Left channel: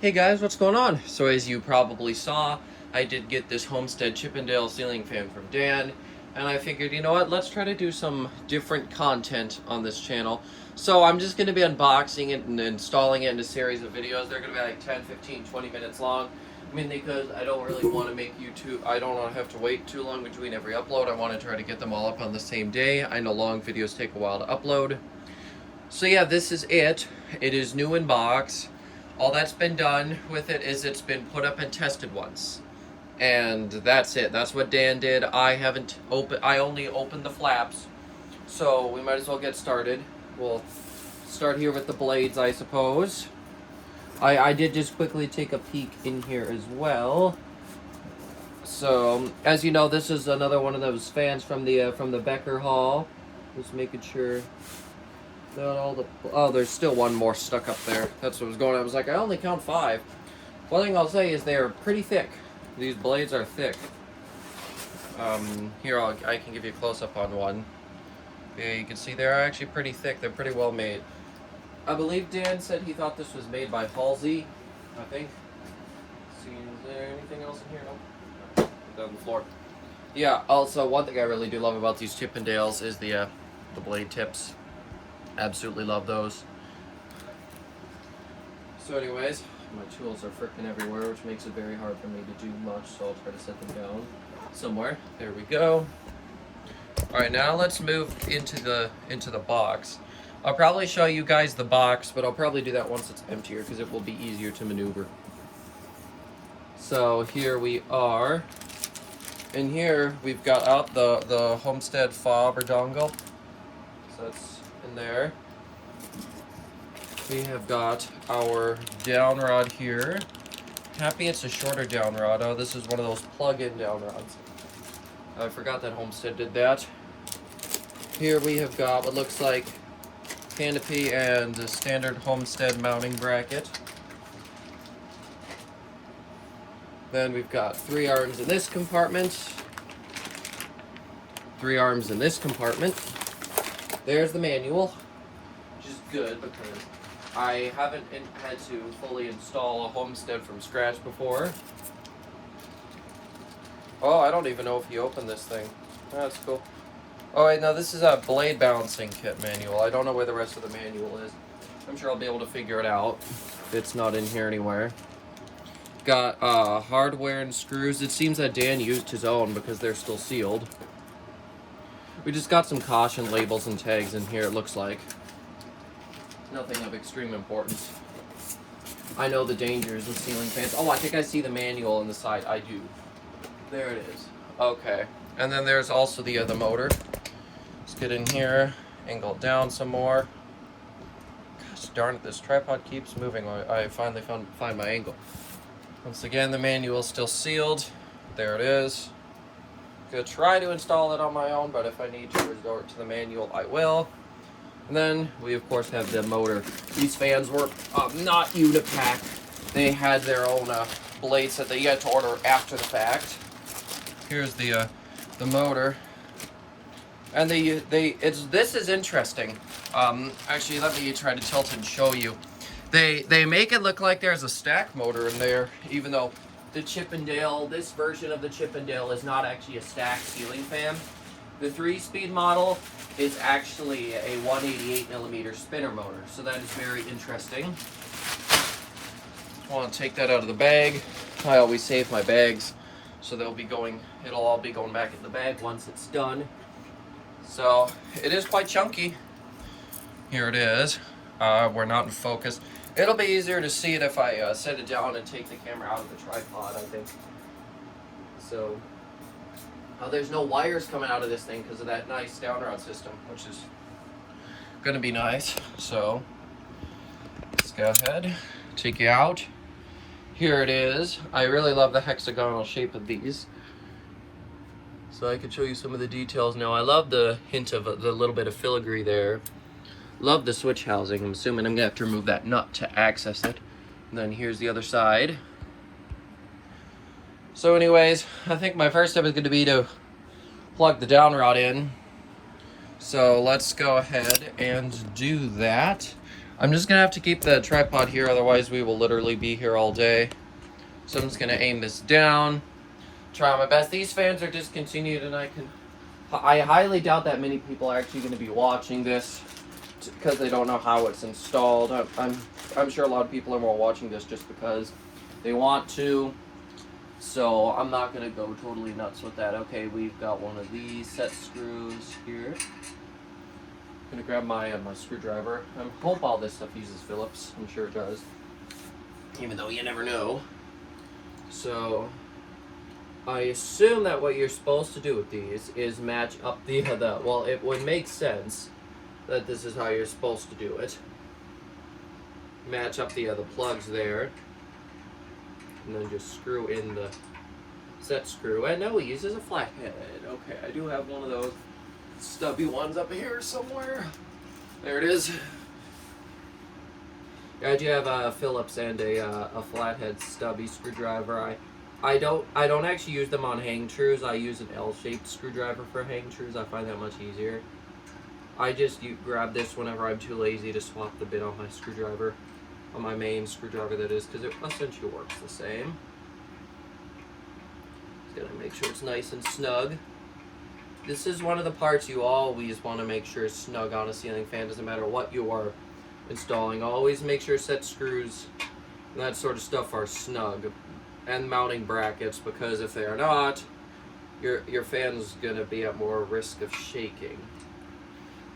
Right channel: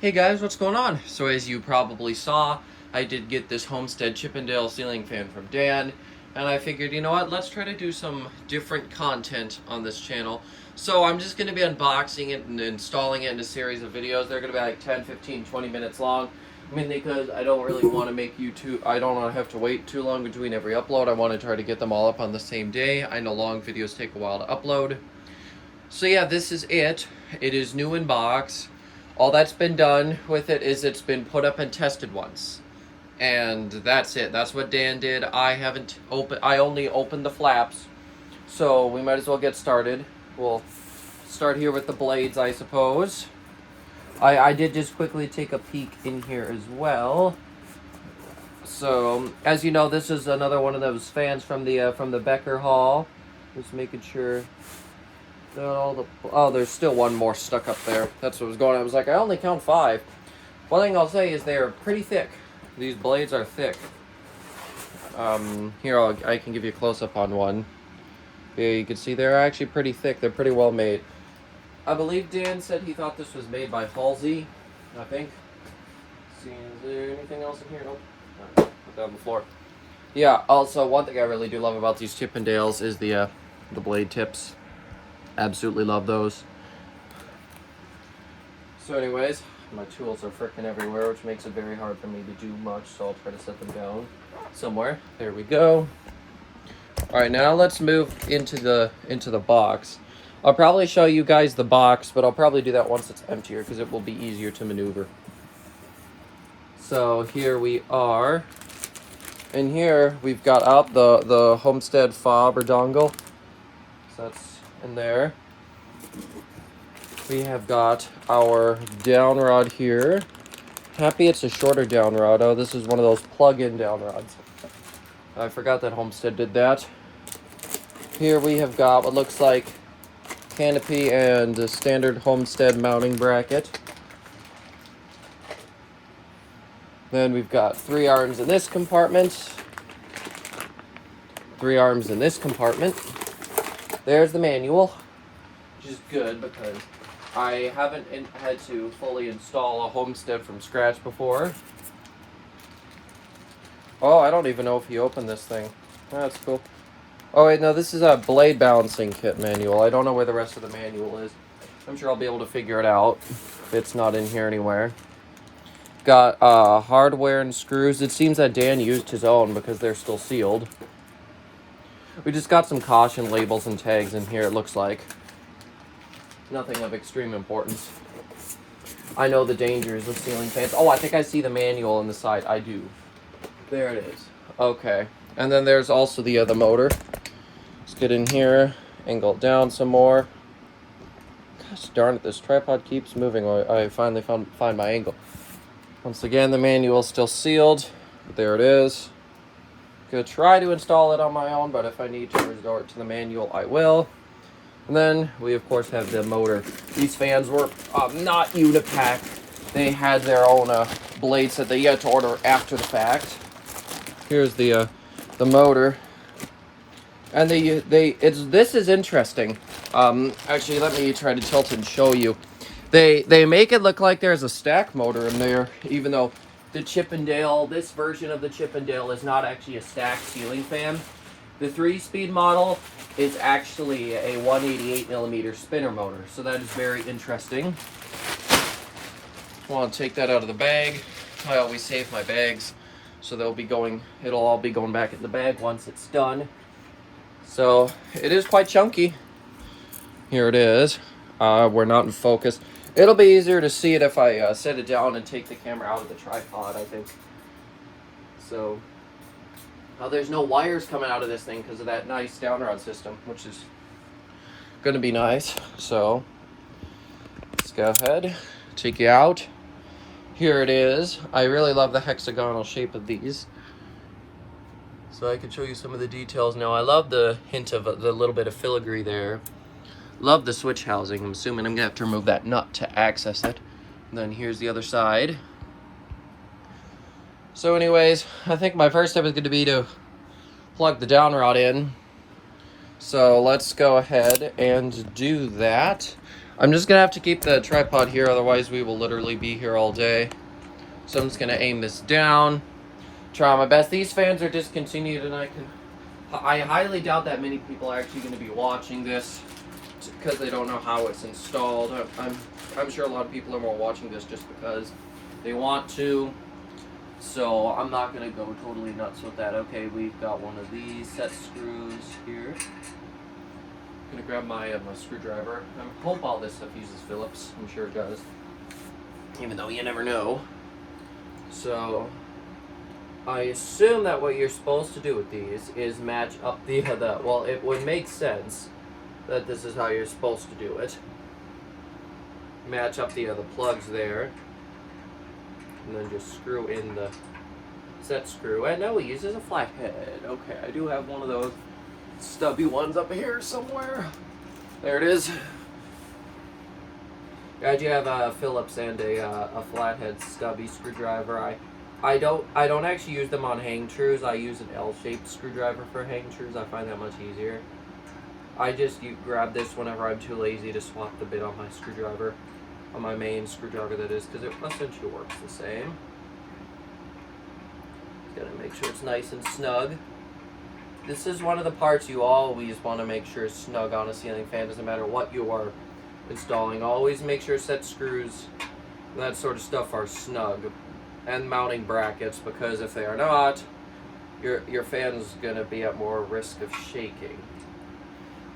Hey guys, what's going on? So as you probably saw, I did get this Homestead Chippendale ceiling fan from Dan, and I figured, you know what, let's try to do some different content on this channel. So I'm just going to be unboxing it and installing it in a series of videos. They're going to be like 10, 15, 20 minutes long. I mean, because I don't really want to make YouTube, I don't want to have to wait too long between every upload. I want to try to get them all up on the same day. I know long videos take a while to upload. So yeah, this is it. It is new in box. All that's been done with it is it's been put up and tested once. And that's it. That's what Dan did. I only opened the flaps. So we might as well get started. We'll start here with the blades, I suppose. I did just quickly take a peek in here as well. So, as you know, this is another one of those fans from the Becker Hall. Just making sure that all the... Oh, there's still one more stuck up there. That's what was going on. I was like, I only count 5. One thing I'll say is they're pretty thick. These blades are thick. Here, I can give you a close-up on one. Yeah, you can see they're actually pretty thick. They're pretty well made. I believe Dan said he thought this was made by Halsey, I think. Let's see, is there anything else in here? Nope. Put that on the floor. Yeah, also, one thing I really do love about these Chippendales is the blade tips. Absolutely love those. So anyways, my tools are freaking everywhere, which makes it very hard for me to do much, so I'll try to set them down somewhere. There we go. Alright, now let's move into the box. I'll probably show you guys the box, but I'll probably do that once it's emptier because it will be easier to maneuver. So here we are. In here, we've got out the Homestead fob or dongle. So that's in there. We have got our down rod here. Happy it's a shorter down rod. Oh, this is one of those plug-in down rods. I forgot that Homestead did that. Here we have got what looks like canopy and a standard Homestead mounting bracket. Then we've got 3 arms in this compartment. 3 arms in this compartment. There's the manual, which is good because I haven't had to fully install a Homestead from scratch before. Oh, I don't even know if you opened this thing. Oh, that's cool. Oh wait, no, this is a blade balancing kit manual. I don't know where the rest of the manual is. I'm sure I'll be able to figure it out. It's not in here anywhere. Got hardware and screws. It seems that Dan used his own because they're still sealed. We just got some caution labels and tags in here, it looks like. Nothing of extreme importance. I know the dangers of ceiling fans. Oh, I think I see the manual on the side. I do. There it is. Okay. And then there's also the motor. Let's get in here, angle it down some more. Gosh darn it, this tripod keeps moving. I finally find my angle. Once again, the manual's still sealed. There it is. I'm gonna try to install it on my own, but if I need to resort to the manual, I will. And then we of course have the motor. These fans were not Unipack. They had their own blades that they had to order after the fact. Here's the motor, and this is interesting. Actually, let me try to tilt and show you. They make it look like there's a stack motor in there, even though the Chippendale, this version of the Chippendale is not actually a stacked ceiling fan. The 3-speed model is actually a 188mm spinner motor, so that is very interesting. I want to take that out of the bag. I always save my bags, so it'll all be going back in the bag once it's done. So it is quite chunky. Here it is. We're not in focus. It'll be easier to see it if I set it down and take the camera out of the tripod, I think. So, there's no wires coming out of this thing because of that nice down rod system, which is going to be nice. So, let's go ahead, take you out. Here it is. I really love the hexagonal shape of these. So I can show you some of the details now. I love the hint of the little bit of filigree there. Love the switch housing. I'm assuming I'm gonna have to remove that nut to access it. And then here's the other side. So anyways, I think my first step is gonna be to plug the down rod in. So let's go ahead and do that. I'm just gonna have to keep the tripod here, otherwise we will literally be here all day. So I'm just gonna aim this down, try my best. These fans are discontinued, and I highly doubt that many people are actually gonna be watching this because they don't know how it's installed. I'm sure a lot of people are more watching this just because they want to. So I'm not gonna go totally nuts with that. Okay, we've got one of these set screws here. I'm gonna grab my screwdriver. I hope all this stuff uses Phillips. I'm sure it does, even though you never know. So I assume that what you're supposed to do with these is match up well, it would make sense that this is how you're supposed to do it. Match up the plugs there, and then just screw in the set screw. And no, it uses a flathead. Okay, I do have one of those stubby ones up here somewhere. There it is. I do have a Phillips and a flathead stubby screwdriver. I don't actually use them on hang trues. I use an L-shaped screwdriver for hang trues. I find that much easier. I just grab this whenever I'm too lazy to swap the bit on my screwdriver, on my main screwdriver that is, because it essentially works the same. Just gotta make sure it's nice and snug. This is one of the parts you always want to make sure is snug on a ceiling fan. Doesn't matter what you are installing. Always make sure set screws and that sort of stuff are snug, and mounting brackets, because if they are not, your fan's gonna be at more risk of shaking.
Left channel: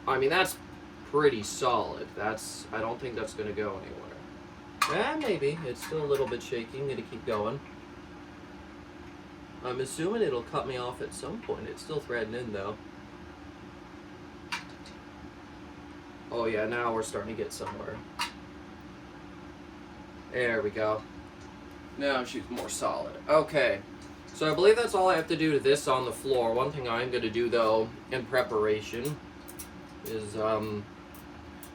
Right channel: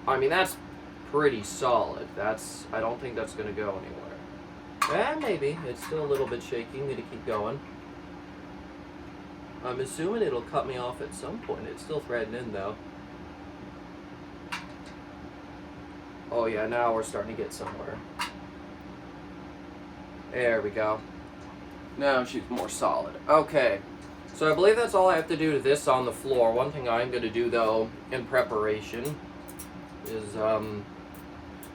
I mean, that's pretty solid. I don't think that's gonna go anywhere. Maybe it's still a little bit shaky. I'm gonna keep going. I'm assuming it'll cut me off at some point. It's still threading in though. Oh yeah, now we're starting to get somewhere. There we go. Now she's more solid. Okay, so I believe that's all I have to do to this on the floor. One thing I'm going to do though in preparation is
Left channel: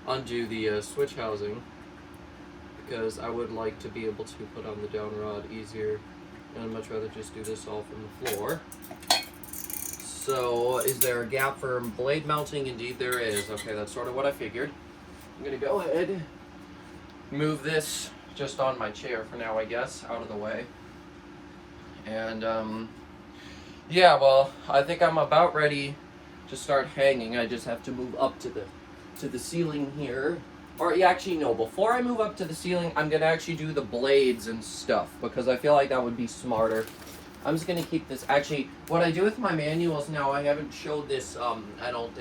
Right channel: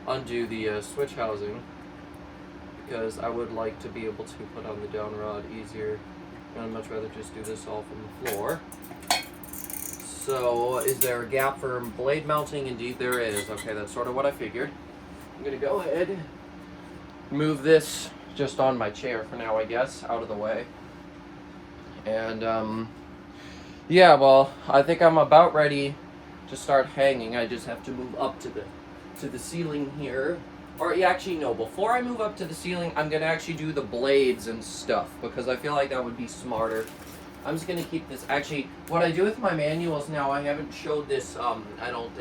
undo the switch housing, because I would like to be able to put on the down rod easier, and I'd much rather just do this all from the floor. So is there a gap for blade mounting? Indeed there is. Okay, that's sort of what I figured. I'm going to go ahead, move this just on my chair for now, I guess, out of the way. And yeah, well, I think I'm about ready to start hanging. I just have to move up to the ceiling here. Or yeah, actually no, before I move up to the ceiling, I'm gonna actually do the blades and stuff, because I feel like that would be smarter. I'm just gonna keep this. Actually, what I do with my manuals now, I haven't showed this, I don't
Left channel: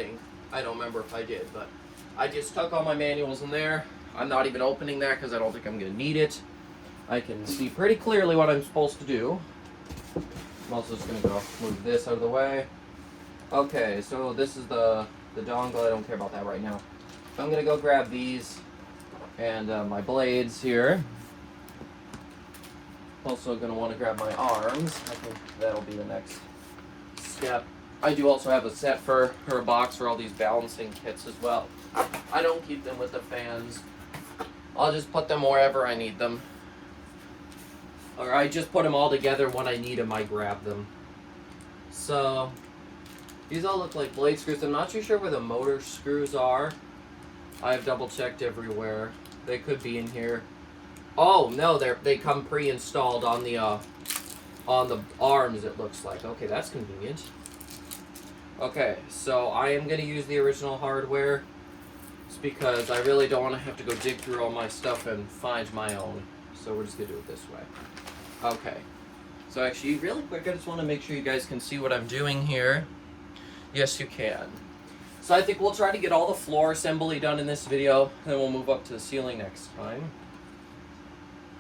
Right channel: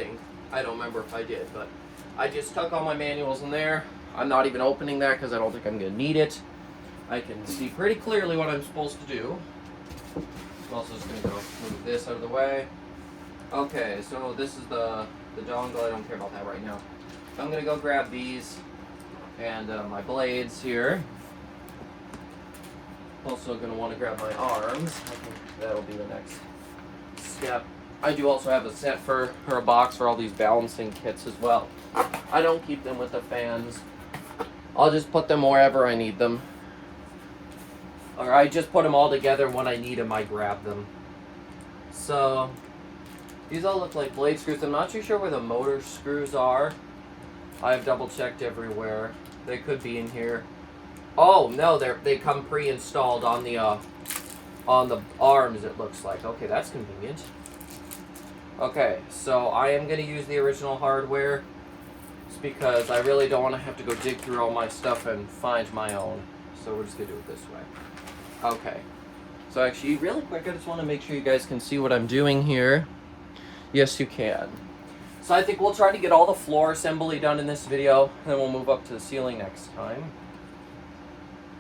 remember if I did, but I just tuck all my manuals in there. I'm not even opening that because I don't think I'm gonna need it. I can see pretty clearly what I'm supposed to do. I'm also just gonna go move this out of the way. Okay, so this is the dongle. I don't care about that right now. So I'm gonna go grab these and my blades here. Also gonna want to grab my arms. I think that'll be the next step. I do also have a set or a box for all these balancing kits as well. I don't keep them with the fans. I'll just put them wherever I need them. Or I just put them all together. When I need them, I grab them. So these all look like blade screws. I'm not too sure where the motor screws are. I've double checked everywhere. They could be in here. Oh no, they come pre-installed on the arms, it looks like. Okay, that's convenient. Okay, so I am going to use the original hardware. It's because I really don't want to have to go dig through all my stuff and find my own. So we're just going to do it this way. Okay. So actually, really quick, I just want to make sure you guys can see what I'm doing here. Yes, you can. So I think we'll try to get all the floor assembly done in this video, and then we'll move up to the ceiling next time.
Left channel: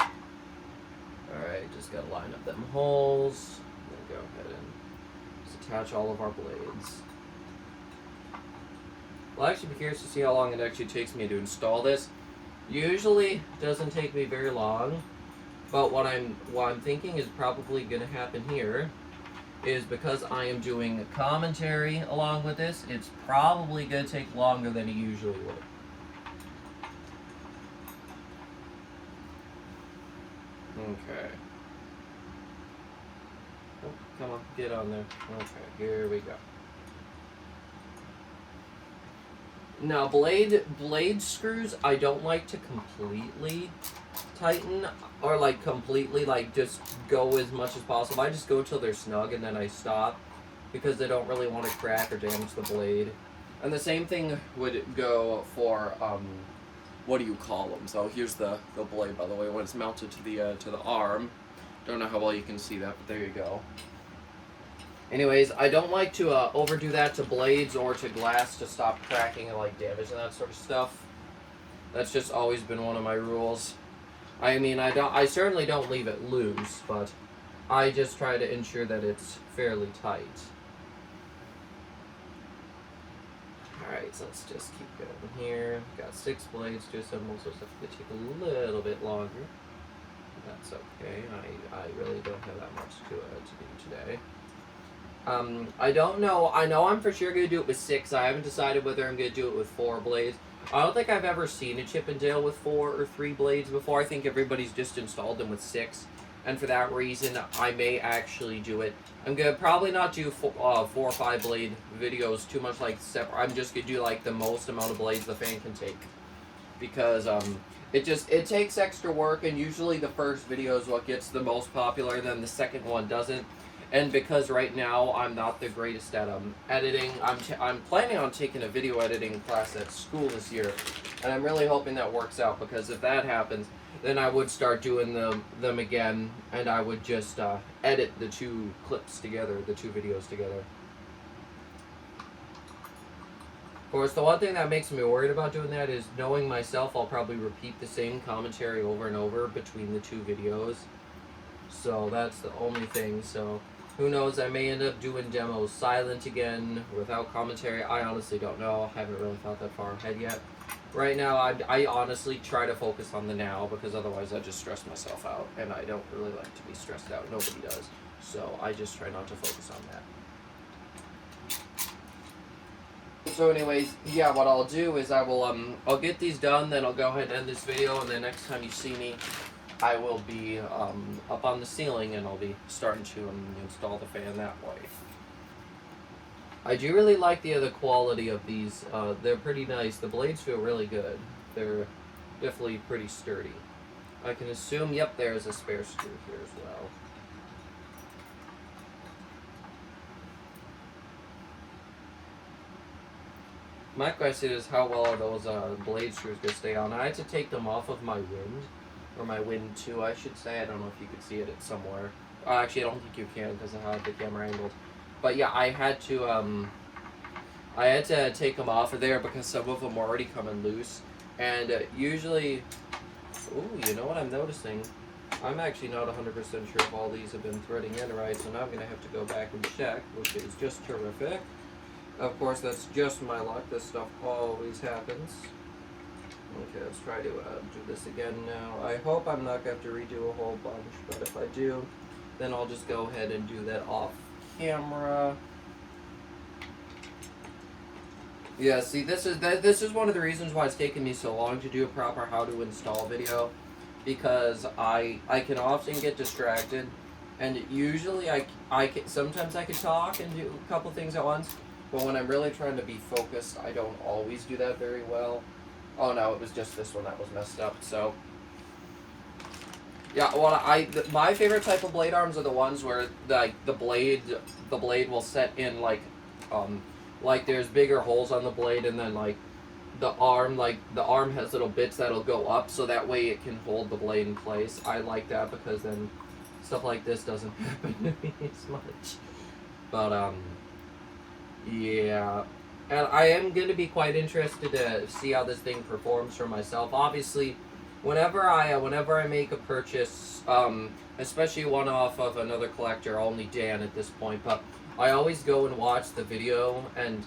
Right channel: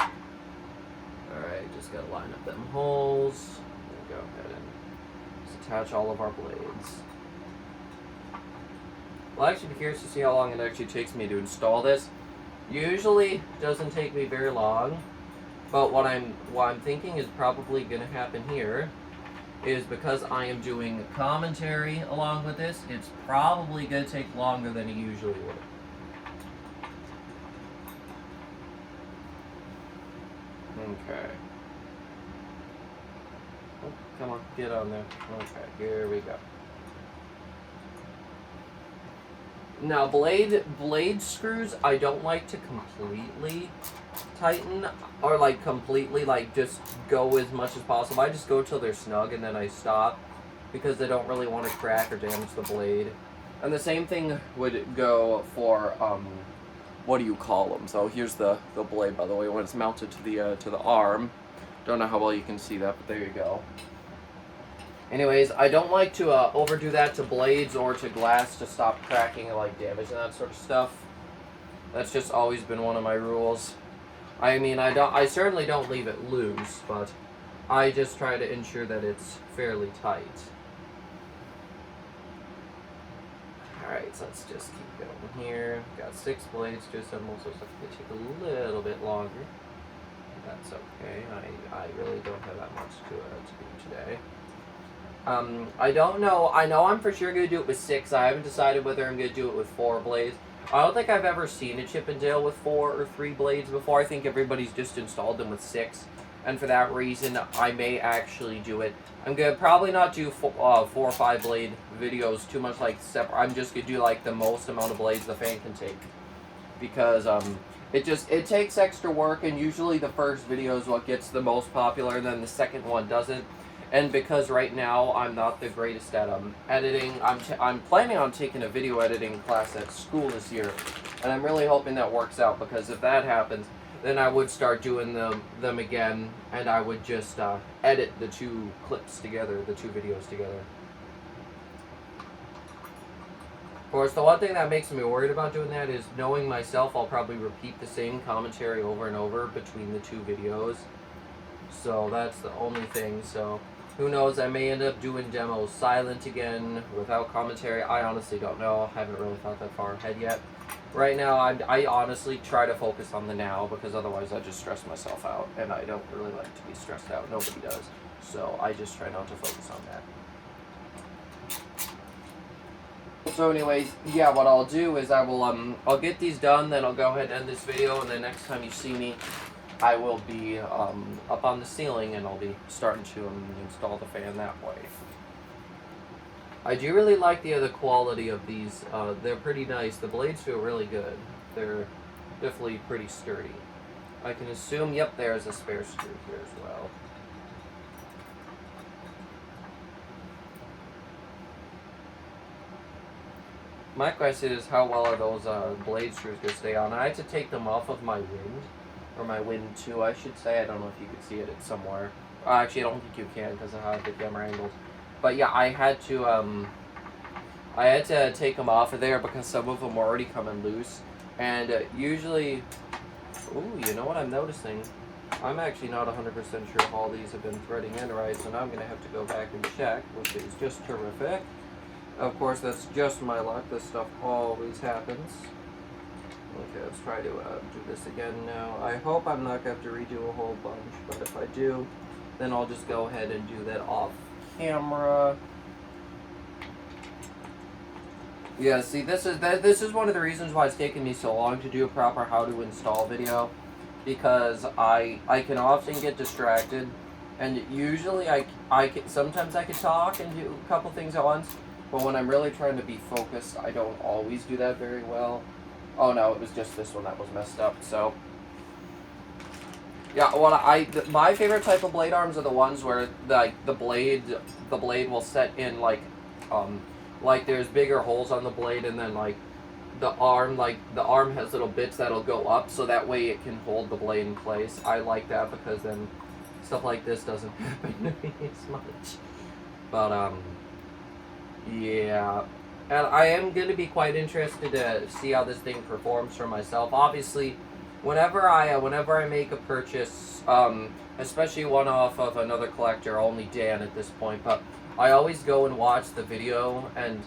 Alright, just got to line up them holes. Then go ahead and just attach all of our blades. Well, I'll actually be curious to see how long it actually takes me to install this. Usually doesn't take me very long, but what I'm thinking is probably going to happen here is because I am doing commentary along with this, it's probably going to take longer than it usually would. Okay. Oh, come on, get on there. Okay, here we go. Now, blade screws, I don't like to completely tighten, or like completely like just go as much as possible. I just go till they're snug and then I stop, because they don't really want to crack or damage the blade. And the same thing would go for what do you call them? So here's the blade, by the way, when it's mounted to the arm. Don't know how well you can see that, but there you go. Anyways, I don't like to overdo that to blades or to glass to stop cracking and like damage and that sort of stuff. That's just always been one of my rules. I mean, I certainly don't leave it loose, but I just try to ensure that it's fairly tight. Alright, so let's just keep going here. Got 6 blades to assemble, so it's going to take a little bit longer. That's okay. I really don't have that much to do today. I don't know. I know I'm for sure going to do it with 6. I haven't decided whether I'm going to do it with 4 blades. I don't think I've ever seen a Chippendale with 4 or 3 blades before. I think everybody's just installed them with 6. And for that reason, I may actually do it. I'm going to probably not do 4 or 5 blade videos too much like separate. I'm just going to do like the most amount of blades the fan can take. Because it takes extra work, and usually the first video is what gets the most popular, and then the second one doesn't. And because right now I'm not the greatest at editing, I'm planning on taking a video editing class at school this year, and I'm really hoping that works out, because if that happens, then I would start doing them again, and I would just edit the 2 clips together, the 2 videos together. Of course, the one thing that makes me worried about doing that is knowing myself, I'll probably repeat the same commentary over and over between the 2 videos. So that's the only thing. So who knows, I may end up doing demos silent again without commentary. I honestly don't know. I haven't really thought that far ahead yet. Right now, I honestly try to focus on the now, because otherwise I just stress myself out, and I don't really like to be stressed out. Nobody does. So I just try not to focus on that. So anyways, yeah, what I'll do is I'll get these done, then I'll go ahead and end this video, and then next time you see me, I will be up on the ceiling, and I'll be starting to install the fan that way. I do really like the quality of these. They're pretty nice. The blades feel really good. They're definitely pretty sturdy. I can assume, yep, there's a spare screw here as well. My question is, how well are those blade screws going to stay on? I had to take them off of my wind, or my wind 2, I should say. I don't know if you could see it somewhere. Actually, I don't think you can because of how the camera angled. But yeah, I had to take them off of there because some of them were already coming loose. And usually, ooh, you know what I'm noticing? I'm actually not 100% sure if all these have been threading in right, so now I'm going to have to go back and check, which is just terrific. Of course, that's just my luck. This stuff always happens. Okay, let's try to do this again now. I hope I'm not going to have to redo a whole bunch, but if I do, then I'll just go ahead and do that off camera. Yeah, see, this is one of the reasons why it's taken me so long to do a proper how to install video, because I can often get distracted, and usually sometimes I can talk and do a couple things at once. But when I'm really trying to be focused, I don't always do that very well. Oh no, it was just this one that was messed up. So yeah, my favorite type of blade arms are the ones where the blade will set in like there's bigger holes on the blade, and then the arm has little bits that'll go up, so that way it can hold the blade in place. I like that because then stuff like this doesn't happen to me as much. But yeah, and I am going to be quite interested to see how this thing performs for myself. Obviously, whenever I make a purchase, especially one off of another collector, only Dan at this point, but I always go and watch the video, and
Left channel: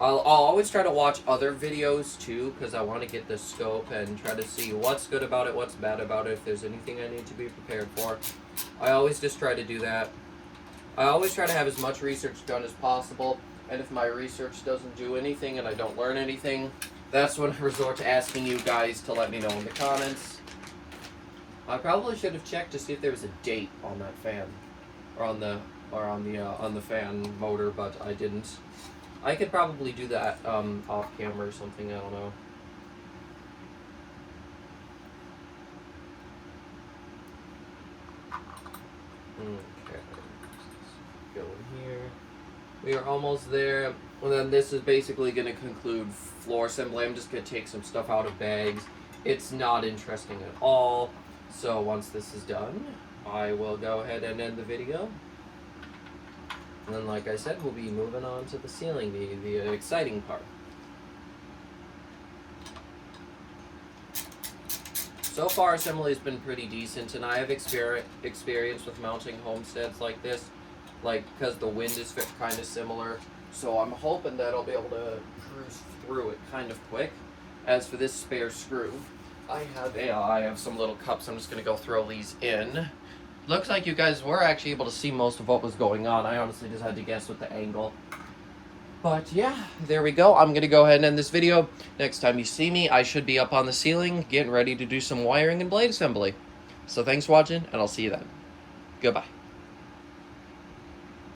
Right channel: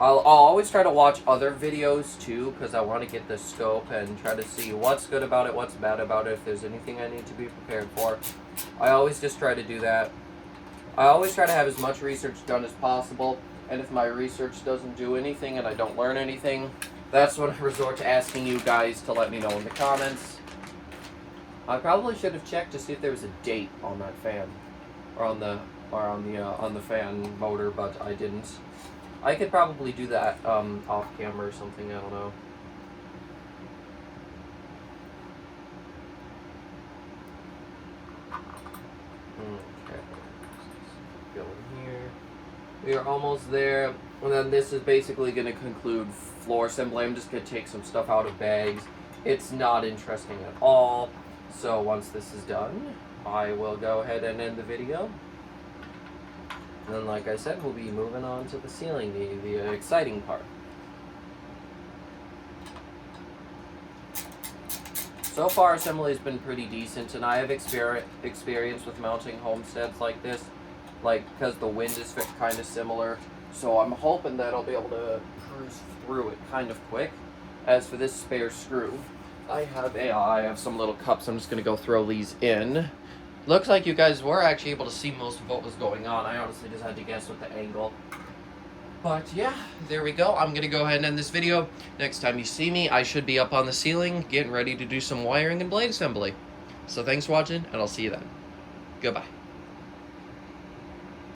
I'll always try to watch other videos too, because I want to get the scope and try to see what's good about it, what's bad about it, if there's anything I need to be prepared for. I always just try to do that. I always try to have as much research done as possible. And if my research doesn't do anything and I don't learn anything, that's when I resort to asking you guys to let me know in the comments. I probably should have checked to see if there was a date on that fan, or on the fan motor, but I didn't. I could probably do that off camera or something, I don't know. Okay, go in here. We are almost there. And then this is basically going to conclude floor assembly. I'm just going to take some stuff out of bags. It's not interesting at all. So once this is done, I will go ahead and end the video. And then, like I said, we'll be moving on to the ceiling, the exciting part. So far, assembly has been pretty decent, and I have experience with mounting homesteads like this, because the wind is kind of similar. So I'm hoping that I'll be able to cruise through it kind of quick. As for this spare screw, I have some little cups. I'm just going to go throw these in. Looks like you guys were actually able to see most of what was going on. I honestly just had to guess with the angle. But yeah, there we go. I'm going to go ahead and end this video. Next time you see me, I should be up on the ceiling getting ready to do some wiring and blade assembly. So thanks for watching, and I'll see you then. Goodbye.